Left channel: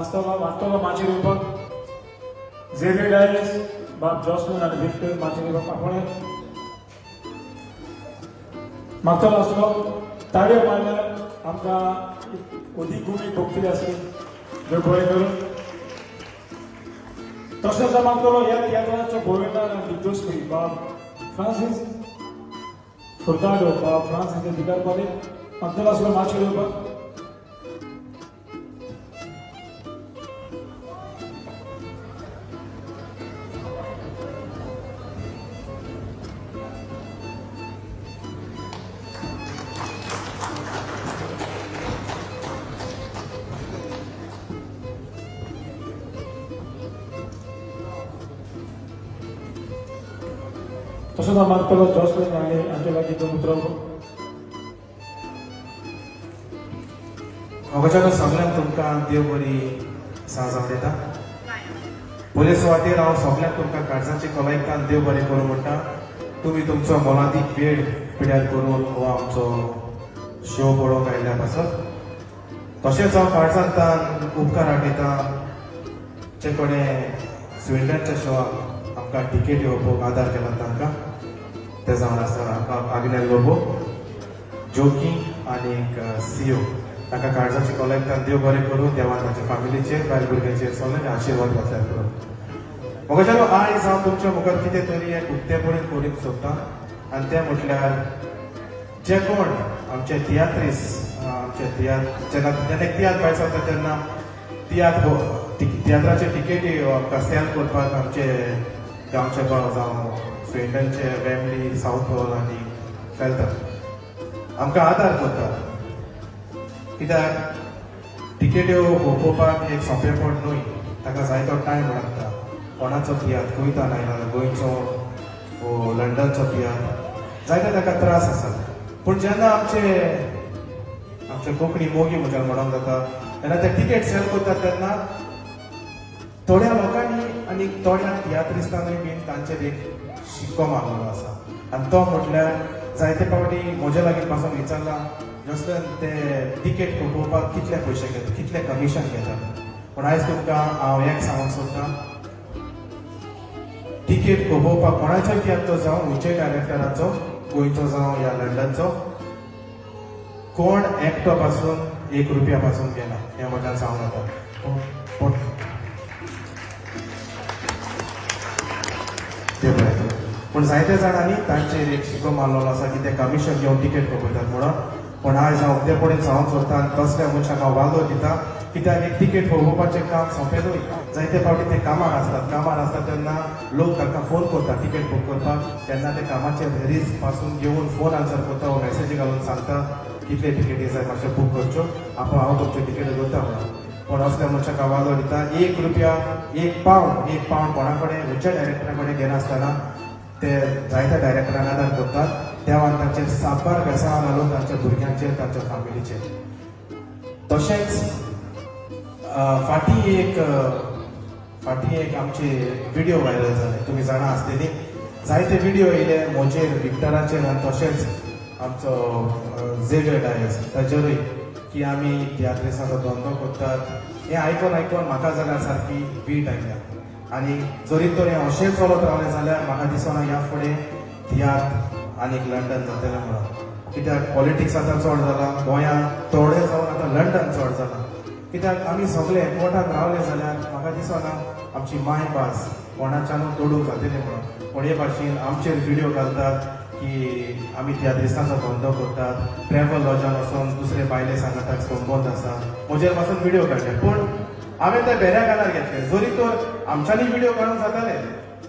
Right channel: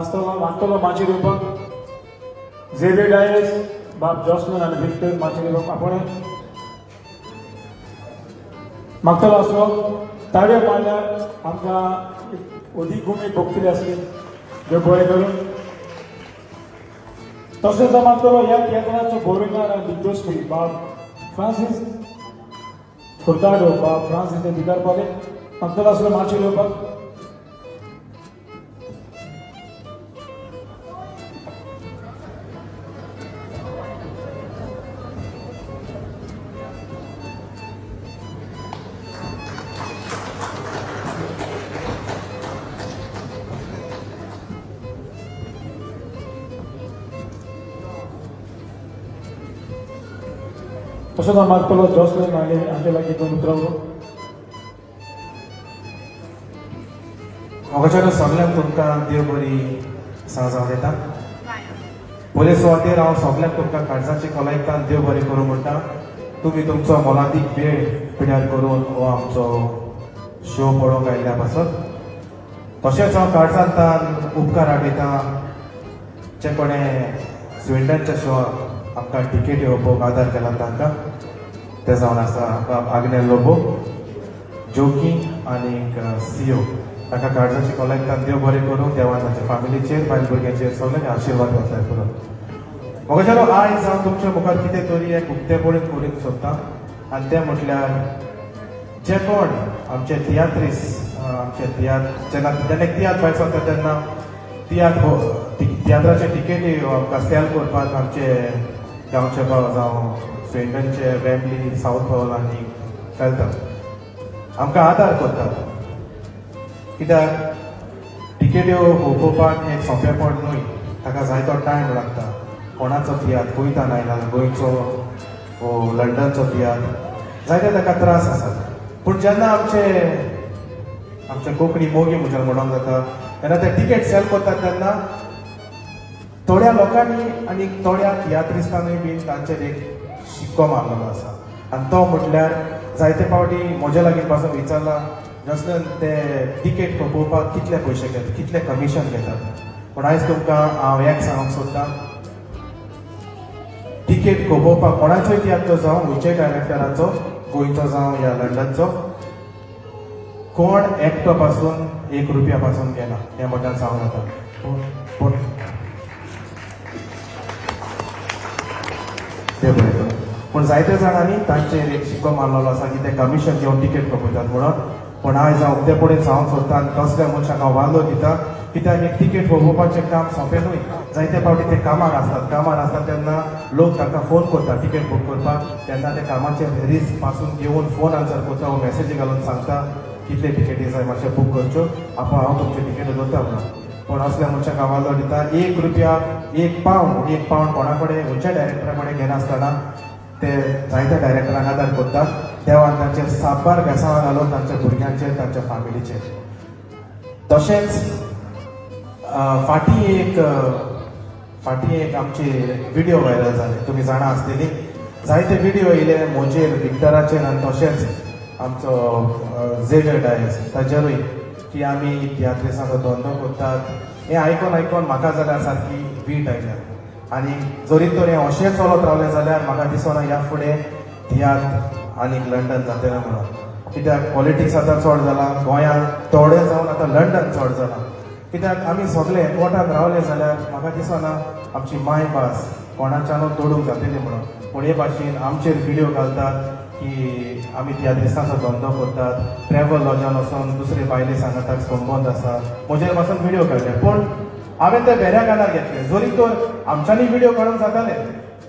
वास्तव माझी रूपक झेवियर डायस बाब जॉसलन आणि विक्टर माझी रूपक आपण मागचा असो ताळ्यो मारल्यार आमकां अदीक गुमी भोगतली आसली जो गोळे करून तशेंच मागतलो ह्या केंद्राचो गव्हर्नर आनी दिग्दर्शक बाब फ्रांसीस फुर्ताडो बाब फ्रांसीस भिकार पाले मागतलो असो माझी रूपक तसोच मागतलो जॉसलन आनी अंजेला गीतो उतरवलो म्हाका सगळ्यांक तुमकां देव बरी सांजाव येता पयले सुवातेर हांव सगळ्यांक तुमकां काळजाचे कलायकान देव बरें करूं म्हणटा तुमी तुमचो मोलादीक वेळ पिड्यार करून हो आमचो शो पळोवंक आयल्या पासून तशेंच हांव काळजांतल्यान उपकार आठयता जे कोणें स्विडनच्या शोआक आमकां टिकेट येवपाक आदार केला तांकां ते जावन आसा बाब आग्नेल लोबो जोकी आनी सीओ ताका काळजाची कलायकान देव बरें करूं देवान ताच्या फॅमिलीचेर बायल भुरग्यांचेर सगळ्यांनी आशिर्वाद घेतल्यार करूं म्हाका आयज हांव तुमच्या मुखार कितें तरी एक उक्तेपणीत करूंक सोदतां आनी तें म्हटल्यार जे कोण आमचे तियात्रीस आमचे जेन्ना तियात्र भायर सरता तेन्ना तियात्राचे टिकेटी सेल करपाक आमचे गांवचे गांव जावं स्विडनचे वेम्बली साउथ हॉल आनी फेल्टन आमकां आदार करतात कित्याक टिकेट्यो पळोवपाक एक सोंपेपण न्हय ताका जायतो टायम लागता कोणाचो तियात्र गोंयच्यान आयला गोंयचो लंडनचो तियात्र जायते ताका त्रास आसात पूण जेन्ना आमचे कोंकणी मोगी म्हज्यान म्हणून जाता तेन्ना ते टिकेट सेल करतात तेन्ना थोड्या लोकांनी आनी थोड्या तियात्रिस्तांनी बीन तांचेर एक शिक्को मारलेलो आसा आनी तो म्हटल्यार जायते फावटी म्हज्या लागीं पासून विचारला जसले ते टिकेट पळोवपाक कितले पयशे घेतात कितले कमिशन घेतात पूण आयज तुमकां हांव एक सांगूंक सोदतां टिकेट पळोवपाक कोणाचोय तियात्र जावं खंयच्याय डायरेक्टराचो गोंयचो जावं या लंडनचो कोण एकटो पासून ₹1 पासून गेला हें म्हाका सांगूं नाका पूण जायते जाणांनी तांचेर एक शिक्को मारलेलो आसा की ते कमिशन घेवन टिकेट कपयतात म्हणून पूण आयज हांव ते फुडें सांगूंक सोदतां आनी कसल्या मनशाक हांव वालो दिता कित्याक एक टिकेट पळोवपाचें काम सोंपें न्हय जायते फावटी ते कामार आसतात तेन्ना लोक ताका फोन करता टिकेट बूक करपाक तेन्ना ते कामाचेर भेरीज पासून घेवन फोन आन्सर करता वो मॅसेजी घालून सांगता कितले टिकेटी जाय मातशें बूक करच्यो हांव तुमचे टिकेट करता म्हणून पूण असल्या मनशाक हांव वालो दिता ₹1 1 पावंड कोणा कडेन खंयच्या डायरेक्टरा कडेन घेनासतना ते जायत्या डायरेक्टरांक आदार करतात देवान तांचेर सातबार बेसांवां घालून तांच्या भुरग्यांचेर तांच्या फॅमिलीचेर तशेंच फाटीं एक आमची व्हिडिओ व्हायरल जाली तुमी जाणा आसतली जायते व्हिडिओ येयले म्हजेर विक्टराचेर आनी तशेंच आमचो झेवियर डायस ताचेरूय की आमी तियात्रिसाचो धंदो करतात हें आयकून म्हाका जाल्यार सारकी वीट आयल्या आनी जरी तर हें अशें चलत रावलें जाल्यार म्हाका दिसना ह्या फुडें तियात्र आनी लंडन जातलें म्हणून कित्याक पॉलिटिक्स आतां चड जाला गोंयांत थोडे जावन आतां लंडन चड जाला कित्याक आमी सगळे एकवटात रावले जाल्यार म्हाका दिसना आमची मायभास कोणाच्यानूय तोडूंक जातली म्हणून पूण हे भाशेन आमचेर व्हिडिओ घालतात की आमी तियात्रिसांचो धंदो करतात ट्रॅव्हल लॉजान वचून दुसरे बायले सांगतात संबंद आसा म्हजेर पासून व्हिडिओ काडले पूण हांवें ते भेऱ्या कानार घेतले जरी तर आमच्यांनी व्हिडिओ करूंक जाताले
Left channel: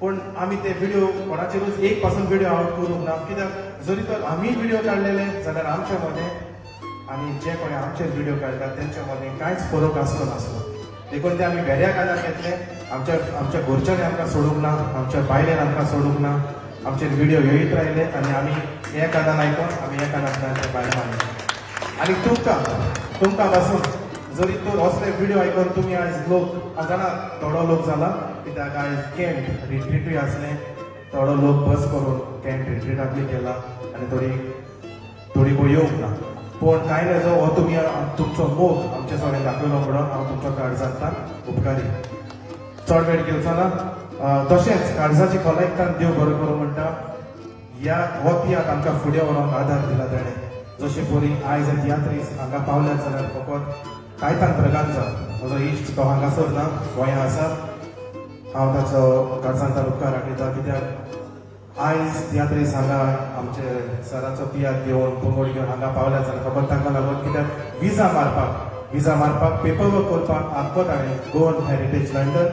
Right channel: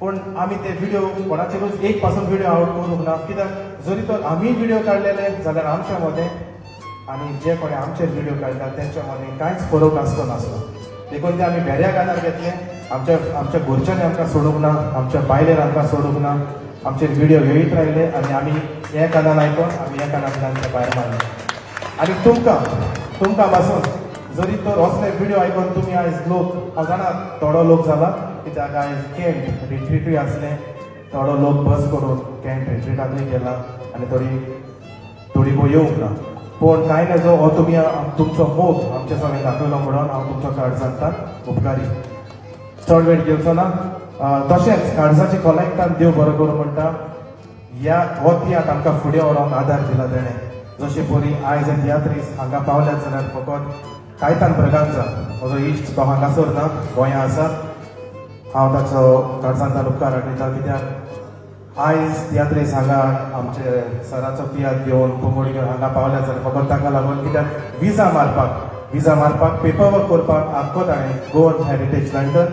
पूण आमी ते व्हिडिओ कोणाचेरूच एक पासून व्हिडिओ हांव करूंक ना कित्याक जरी तर आमी व्हिडिओ काडलेले जाल्यार आमच्या मदें आनी जे कोणी आमचेर व्हिडिओ काडटात तेंच्या मदें कांयच फरक आसचो नासलो देखून ते आमी भेऱ्या कानार घेतले आमच्या घरच्यांनी आमकां सोडूंक ना आमच्या बायलेन आमकां सोडूंक ना आमचेर व्हिडिओ येयत रावले आनी आमी हे कानार आयकून आमी हे कानांतल्यान आमच्या भायर मारले आनी तुमकां पासून जरी तर असले व्हिडिओ आयकून तुमी आयज लोक हांव जाणा थोडो लोक जाला कित्याक आयज कॅम्प रिट्रीटूय आसले थोडो लोक बस करून कॅम्प रिट्रीटाकूय गेला आनी थोडी येवंक ना पूण कांय नजो हो तुमी तुमचो मोग आमचे सगळे दाखयलो म्हणून हांव तुमचो काळजांतल्यान उपकारी चड वेळ घेवचो ना तशेंच काळजाची कॉलेक्टान देव बरो करूं म्हणटा ह्या हो तियात्र आमकां फुडें व्हरोंक आदार दिला ताणें जशें परी आयज तियात्रीस हांगा पावल्यात जाल्यार फकत कायतान प्रकारचा म्हजो इश्ट तो हांगासर ना गोंया आसा हांव ताचो काळजांतल्यान उपकार आठयता कित्याक आयज तियात्रीस हांगा आमचे सराचो तियात्र घेवन पोंगोळी हांगा पावल्यात जाल्यार फकत ताका लागून कित्याक विजा मारपाक पेपर वर्क करपाक आमकां हांवें गोवन हेरिटेज लंडन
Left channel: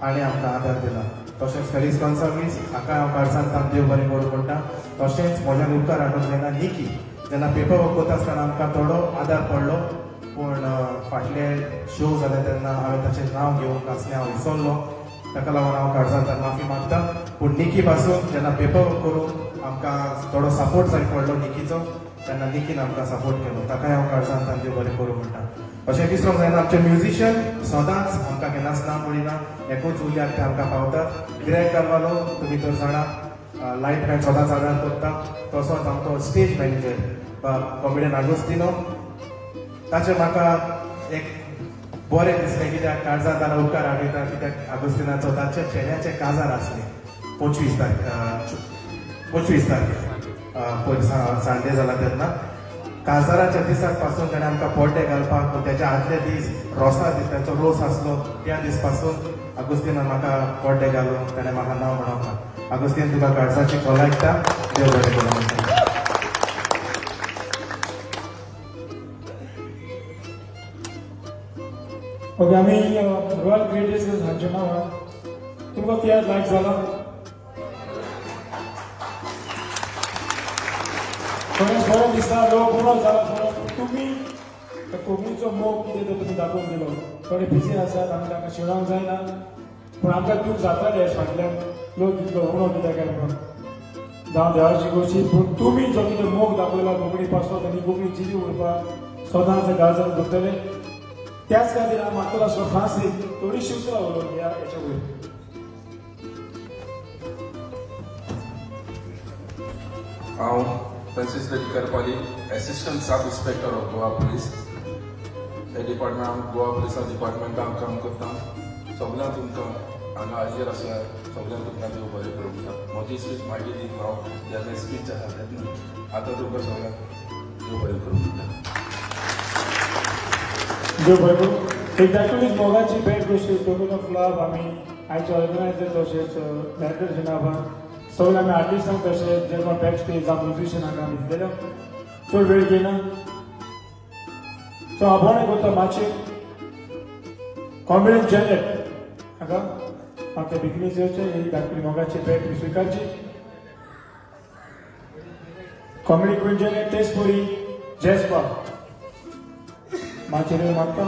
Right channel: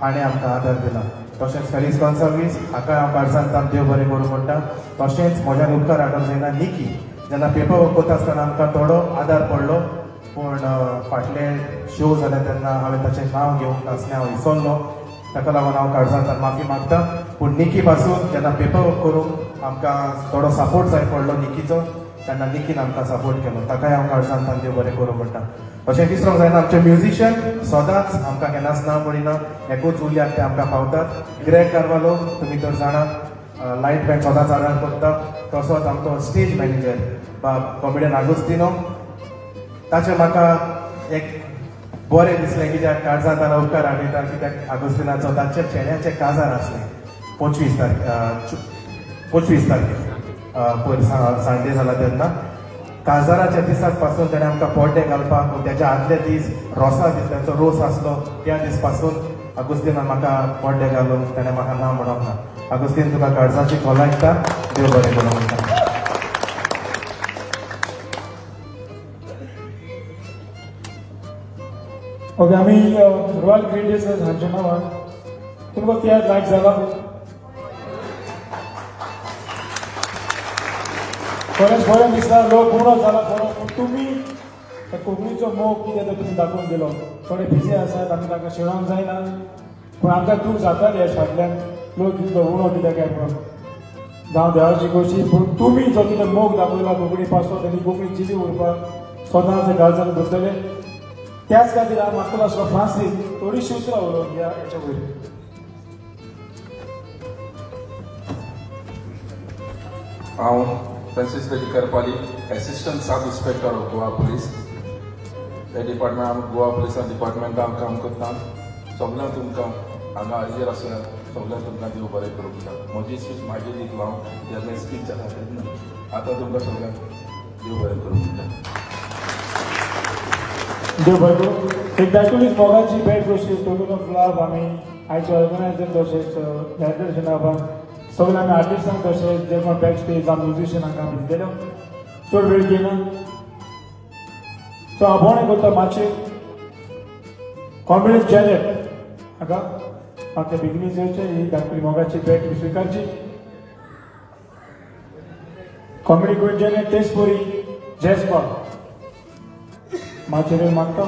हांणी आमकां आदार दिला तशेंच फेरीस कॉन्सर्वीस हाका हांव काळजांतल्यान देव बरें करूं म्हणटा तशेंच म्हज्या उपकार आदार जायना निकी जेन्ना पेपर वर्क करता आसतना आमकां थोडो आदार पडलो पूण फाटले शो जाले तेन्ना हांवें ताचें नांव घेवंक नासलें हांव विसरलो ताका लागून हांव काळजांतल्यान माफी मागता पूण निकी पासून जेन्ना पेपर वर्क करूंक आमकां थोडो सपोर्ट जाय पडलो निकीचो तेन्ना निकीन आमकां सपोर्ट केलो ताकाय हांव काळजांतल्यान देव बरें करूं म्हणटा अशें विसरूंक जायना आमचे म्युझिशियन सदांच आमकां केन्नाच ना म्हणिना एकूच उल्याक ते आमकां पावतात ग्रेग कार्वालो तुमी तर जाणा लायट बँड सदांच आदार करता तसोच आमचो स्टेज मॅनेजर कॉमेडियन आगोस्तिनो ताचे म्हाका एक बरें दिसलें कित्याक काळजांतल्यान उपकार आठयता कित्याक आगोस्तिनाचो ताच्या चेड्याचें काजार आसलें 25 तारखेर सांजे जाला तेन्ना काजाराच्या दिसाक पासून तेणें आमकां पड्डे घालपाक तेच्या आदले दीस रोसा दीस तेंचो रोस आसलो त्या दीस पासून आगोस्तिनान म्हाका पड्डे घालून तेणें म्हाका नांव म्हणूंक आगोस्तीन तुका काळजाची कॉलेक्टा देव बरें करूं म्हणटा ओके आमी रॉयल क्रिएटर्स हांचे नांवान तुमकां तियात्र लायक जाला खरेंच बरें दिसता लोक उणो जाला खरो पूण तुमी कोंकणीचो मोग कितें तो तुमी दाखोवन दिलो थोडे बिजी आसात आमी ताका शिरोवंक जायना पूण आमकां तूं जातालें फाटल्यान लोक तितलो उणो कित्याक काय म्हणून जावं देवाची गोशी पूण तुमी जो कितें मोग दाखयला कोंकणी पासपोर्ट आनी कोंकणी चिजी उरपाक सदांच काळजान भरतले त्याच खातीर हांव मागतलो आसलो फ्रांसीस थोडीशी उतरां उलोवन ह्या हेच्या वयर हांव Francis Karpali assistant sub inspector of Goa police हे डिपार्टमेंट गोवा पुलिसा डिपार्टमेंटान काम करता सगळ्यांक तुमकां हांगा हाजीर आसा सगळ्यांक तुमकां देव बरें करूं दिता म्हजी स्पीच मागीर दी हांव जेन्ना स्पीच आसा तेन्ना आतां तुमकां सगळ्यांक देव बरें करूं दिता देव बरें करूं एक्झॅक्टली मोगाची भेट गोष्टी टोमिनो क्लब आमी आयचे ऑर्गनायझर तशेंच फेडरेशना सगळे आमी आर्टिस्टांक तशेंच जे कोण बॅक स्टेज जावं म्युझिशियनांक आमी दिलेलो चड वेळ घेयना सो आपण करता मातशें कॉमेडी जॅकेट हाका मातशें बेगिनीच येवचें ही धाकटी मोगाची भेट स्विकारची कॉमेडी करून जॅकेट तेच परी जॅस्पा मातशें वेळ मागता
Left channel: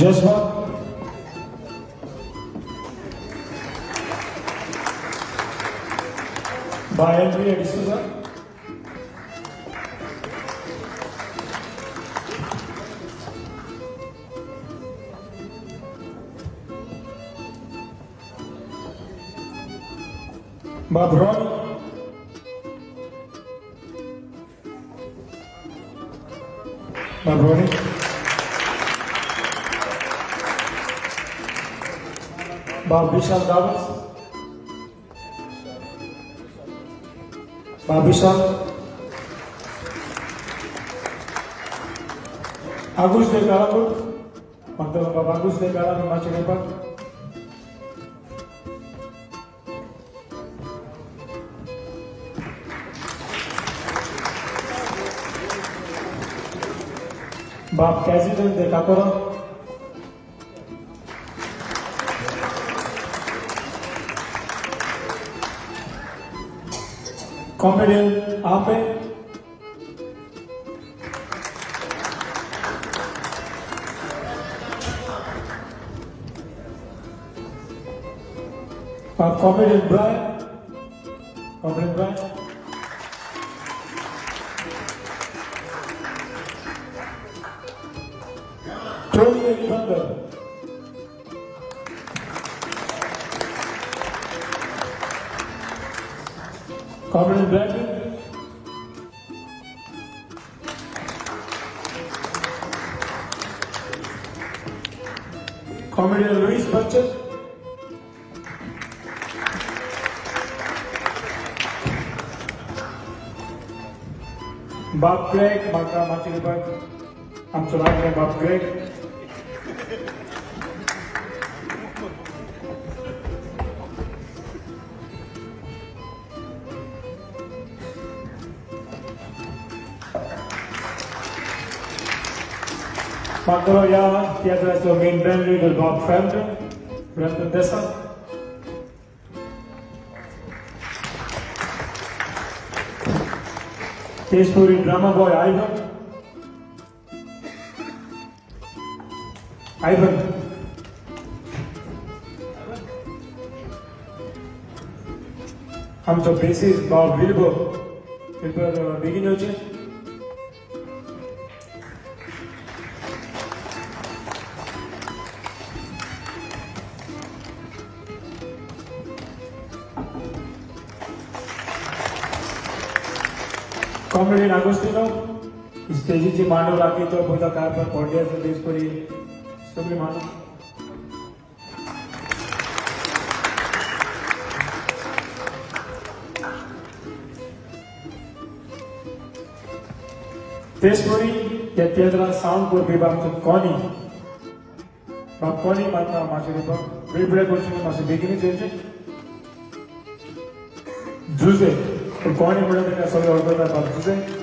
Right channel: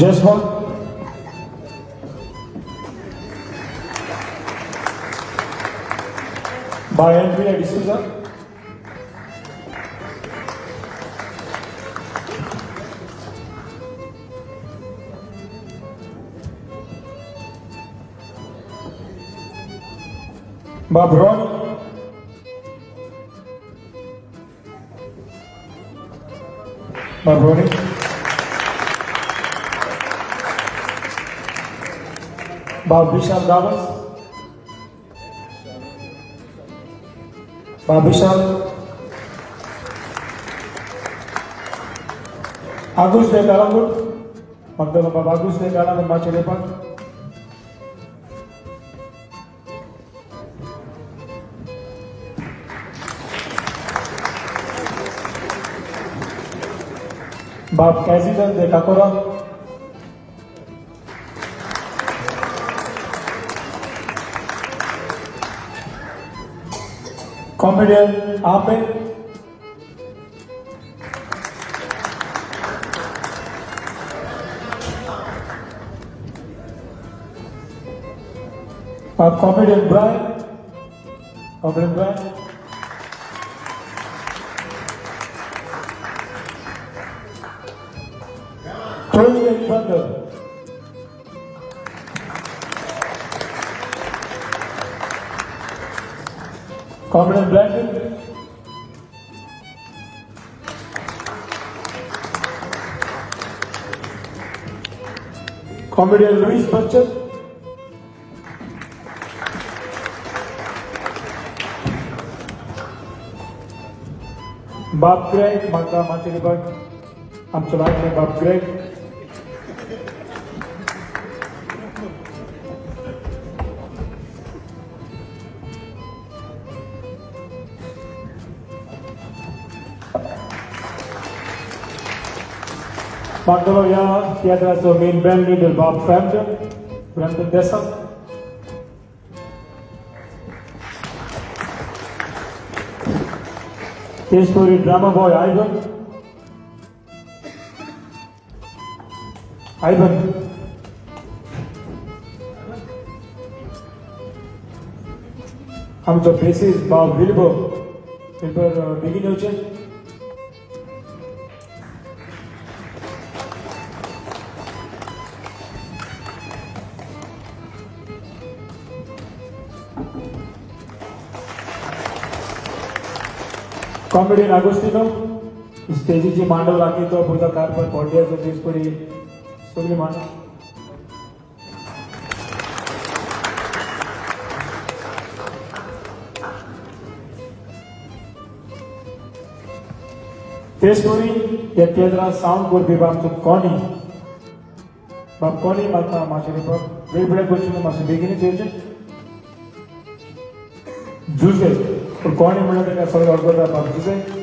जसवा by Henry D'Souza. By Brony. By Brony. By Vishal Davas. By Vishal. Agus de Garalu. Magdalena Baba Agus de Garalu Machelepan. By President de Kakura. Comedian Ape. Comedian Brian. Comedian Brian. Tony Brother. Comedian Brandon. Comedian Luis Bachchan. Bob Craig, Marka Machiliban. I'm Chalawani Bob Craig. Pandoya, Theatre so main band leader Bob Frampton, Brandon Dessa. Stage story drama boy Ivan. आमचो basis भाव Wilbur बेगीन येवचे. Comedian Agustino, स्टेजीची मांडव लागली तो पुढचा कारभार पडल्याचं दिस परी सगळी मांडव. तेच परी या केंद्रात साऊंड करपी बाबतीत कोणी बाबा मातशें वेगवेगळे गोष्टी मातशें बेगीन येवचे. जुजे कोणी म्हणून ताका सगळें ऑर्डर जाता जुजे.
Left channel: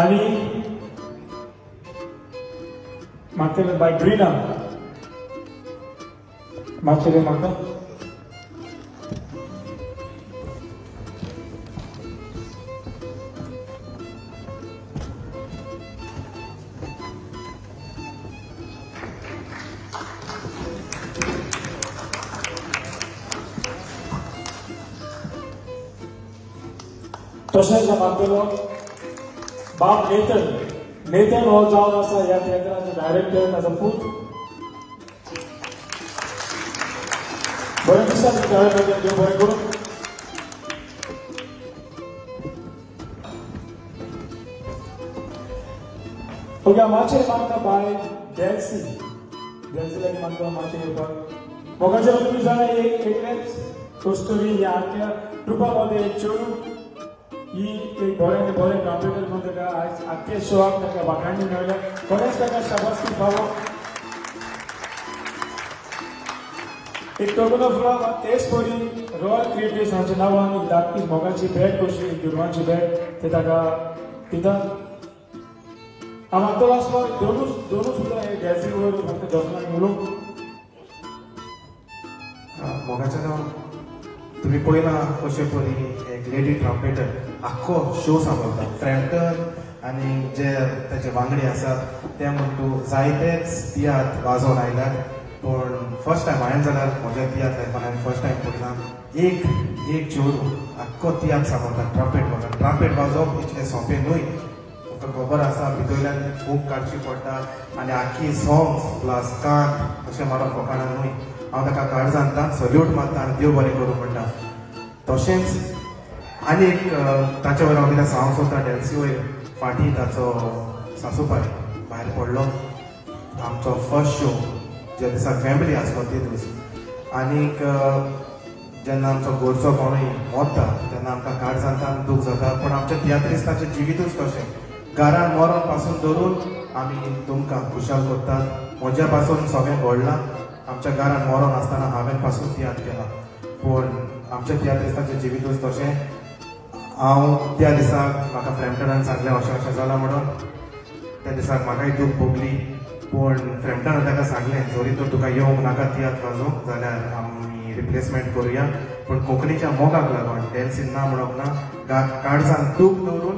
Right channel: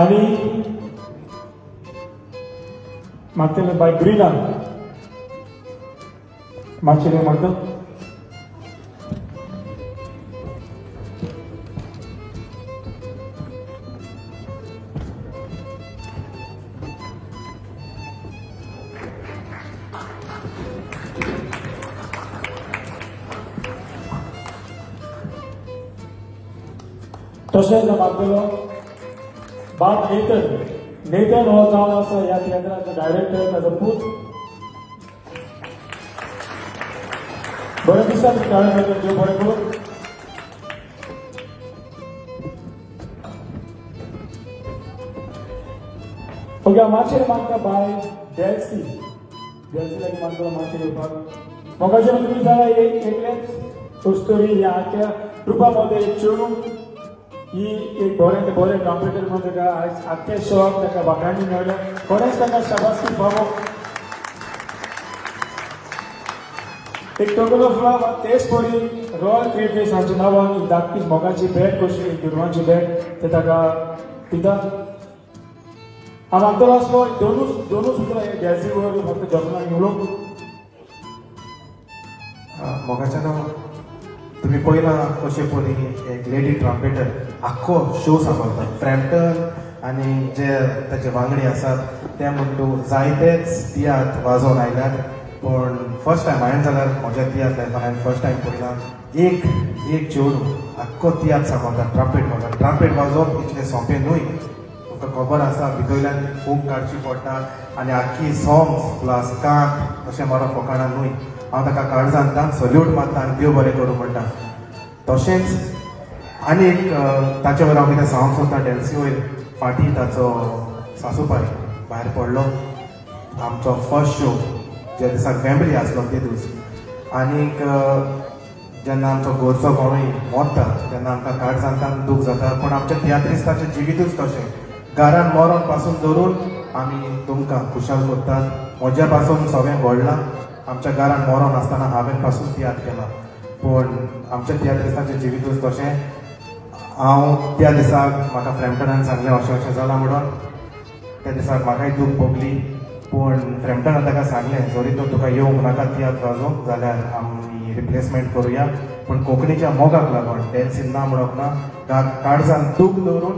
आणि मागचे बाय ग्रीना मागचे म्हणतात तशेंच बाब नेतन हो जावन आसा ह्या थिएटराचो डायरेक्टर ताचो पूत. बरे दिसात देव बरें करूं. ओके मातशें मागता बाय डेल्सी लागीं मागता मातशें येवपाक. मोगाचें तुमी जाय एक स्टोरी ह्या आख्या ट्रुपा मध्ये एक चेडूं ही एक बरें कॉम्प्युटर मध्ये ताका आज आख्या शोक ताका वाखाणी मेळ्ळ्या. खरेंच ताका शाबासकी फावो. एक टोगलो फ्लॉप तेच परी रॉयल क्रिएटिव्स हांच्या नांवान धाकटी मोगाची बॅट कशी दुर्वांची बॅट ते ताका दिता. हांव आमचो आसलो दोनूच सुद्दां डॅन्सी करून फक्त जॉबलान उलोवंक. मोगाचें नांव तुम्ही पळयला कशें परी एक लेडी ट्रम्पेटर आख्खो शो सांबाळटा. फ्रॅम्पटन आनी जे ताचे वांगडी आसात ते म्हणटू जायतेच तियात्र वाजोवन आयल्यात. पूण फर्स्ट टायम हांवें जाल्यार म्हज्या तियात्र लायफान हांवें फर्स्ट टायम पळयला एक चेडूं आख्खो तियात्र सांबाळटा. ट्रम्पेट वाजोवप इतलें सोंपें न्हय. तुका खबर आसा भितरल्यान खूब काडची पडटा आनी आख्खी सॉंग्स प्लस कांत अशें मारप फकाणां न्हय. हांव ताका कार्ड सांगता सल्यूट मारता आनी देव बरें करूं म्हणटा. तशेंच आनी एक ताचे वयर हांव कितें सांगूंक सोदता डॅन्सी वयर फाटीं ताचो सासूपाय भायर पडलो. आमचो फर्स्ट शो ज्या दिसाक फॅमिली आसलो ते दीस. आनीक जेन्ना आमचो घरचो कोणूय मोरता तेन्ना आमकां कार्ड सांगता आनी दूख जाता. पूण आमच्या तियात्रिस्ताचें जिवितूच तशें घरान मरण पासून धरून आमी तुमकां खुशाल करतात. म्हज्या पासून सगळें घडलां. आमच्या घरान मरण आसतना हांवें पासून तियात्र केला. पूण आमच्या तियात्रिस्तांचें जिवितूच तशें. हांव त्या दिसाक म्हाका फ्रॅम्पटनान सांगलें अशें जालां म्हणून. त्या दिसाक म्हाकाय दूख भोगली. पूण फ्रॅम्पटनान ताका सांगलें जरी तर तुका येवंक नाका तियात्र वाजोवंक जाल्यार आमी रिप्लेसमेंट करुया. पूण कोंकणीच्या मोगाक लागून डॅन्सीन ना म्हणप ना. काळजान दूख दवरून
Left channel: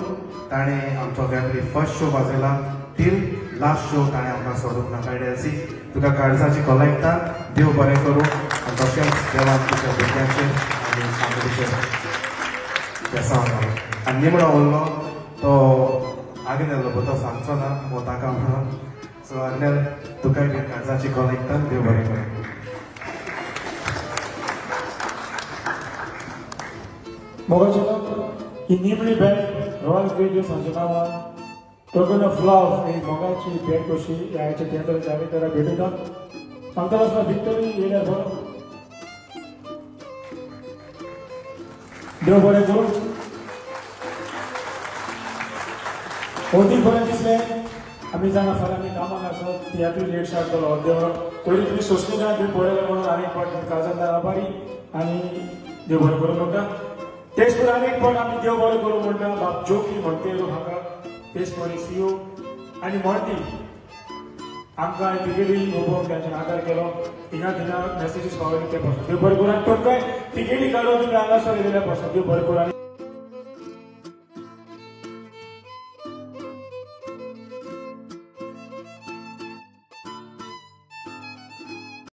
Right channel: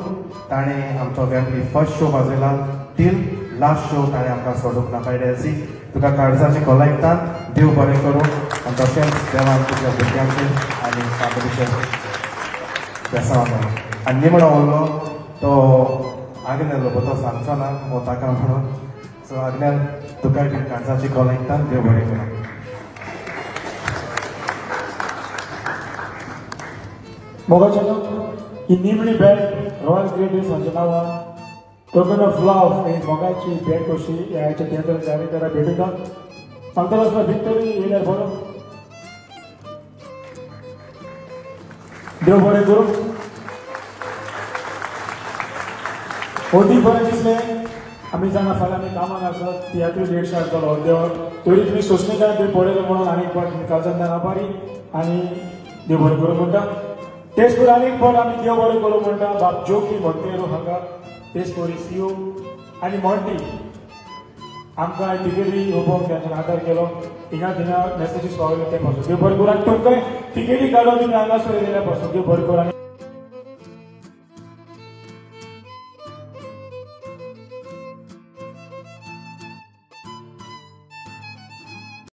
ताणें आमचो फॅमिली फर्स्ट शो वाजयला. टील लास्ट शो ताणें आमकां सोडूंक ना. बाय डॅन्सी तुका काळजाचें कॉलेक्टान देव बरें करूं. आनी तशेंच देवान तुज्या भुरग्यांचें आनी फॅमिलीचें बेसांव आनी निमणो उरलो तो आग्नेलो तो सांगचो ना ताका म्हणून. सो आग्नेल तुकाय बी काळजाची कॉलेक्टान देव देव बरें करा. मोगाचें ही निमणी बॅट रॉयल ग्रेडीज हांच्या नांवान टोकन ऑफ लव ही मोगाची बॅट कशी ह्याच्या केंद्र जारी करा भेटयतात आंतरराष्ट्रीय विक्टरी येयल्यार बरो देव बरें करूं. अदीक बरें दिसलें आमी जाणा फाल्यां आमी कामान आसत तियात्री लेट हाडटलो देव पयलीं तुमी सोंसलें तुमी पळयलें म्हणून आनीक बरें काजल मेन आभारी आनी देव बरें करूं म्हणटा. तेच करून आनीक पण आमी देव बरें करूं म्हणटा. बाब जोकी म्हणटेरो म्हाका तेच करून सीओ आनी म्हणटी आमकां तिकेटी येवपाक ताचो आदार केलो. हिंगा थिंगा मेसेजीस पावयले ते पासून देव बरें करूं. आनी तुमकां तिकेटी काडून तुमी हांगासर येयले पासून देव बरें करूं.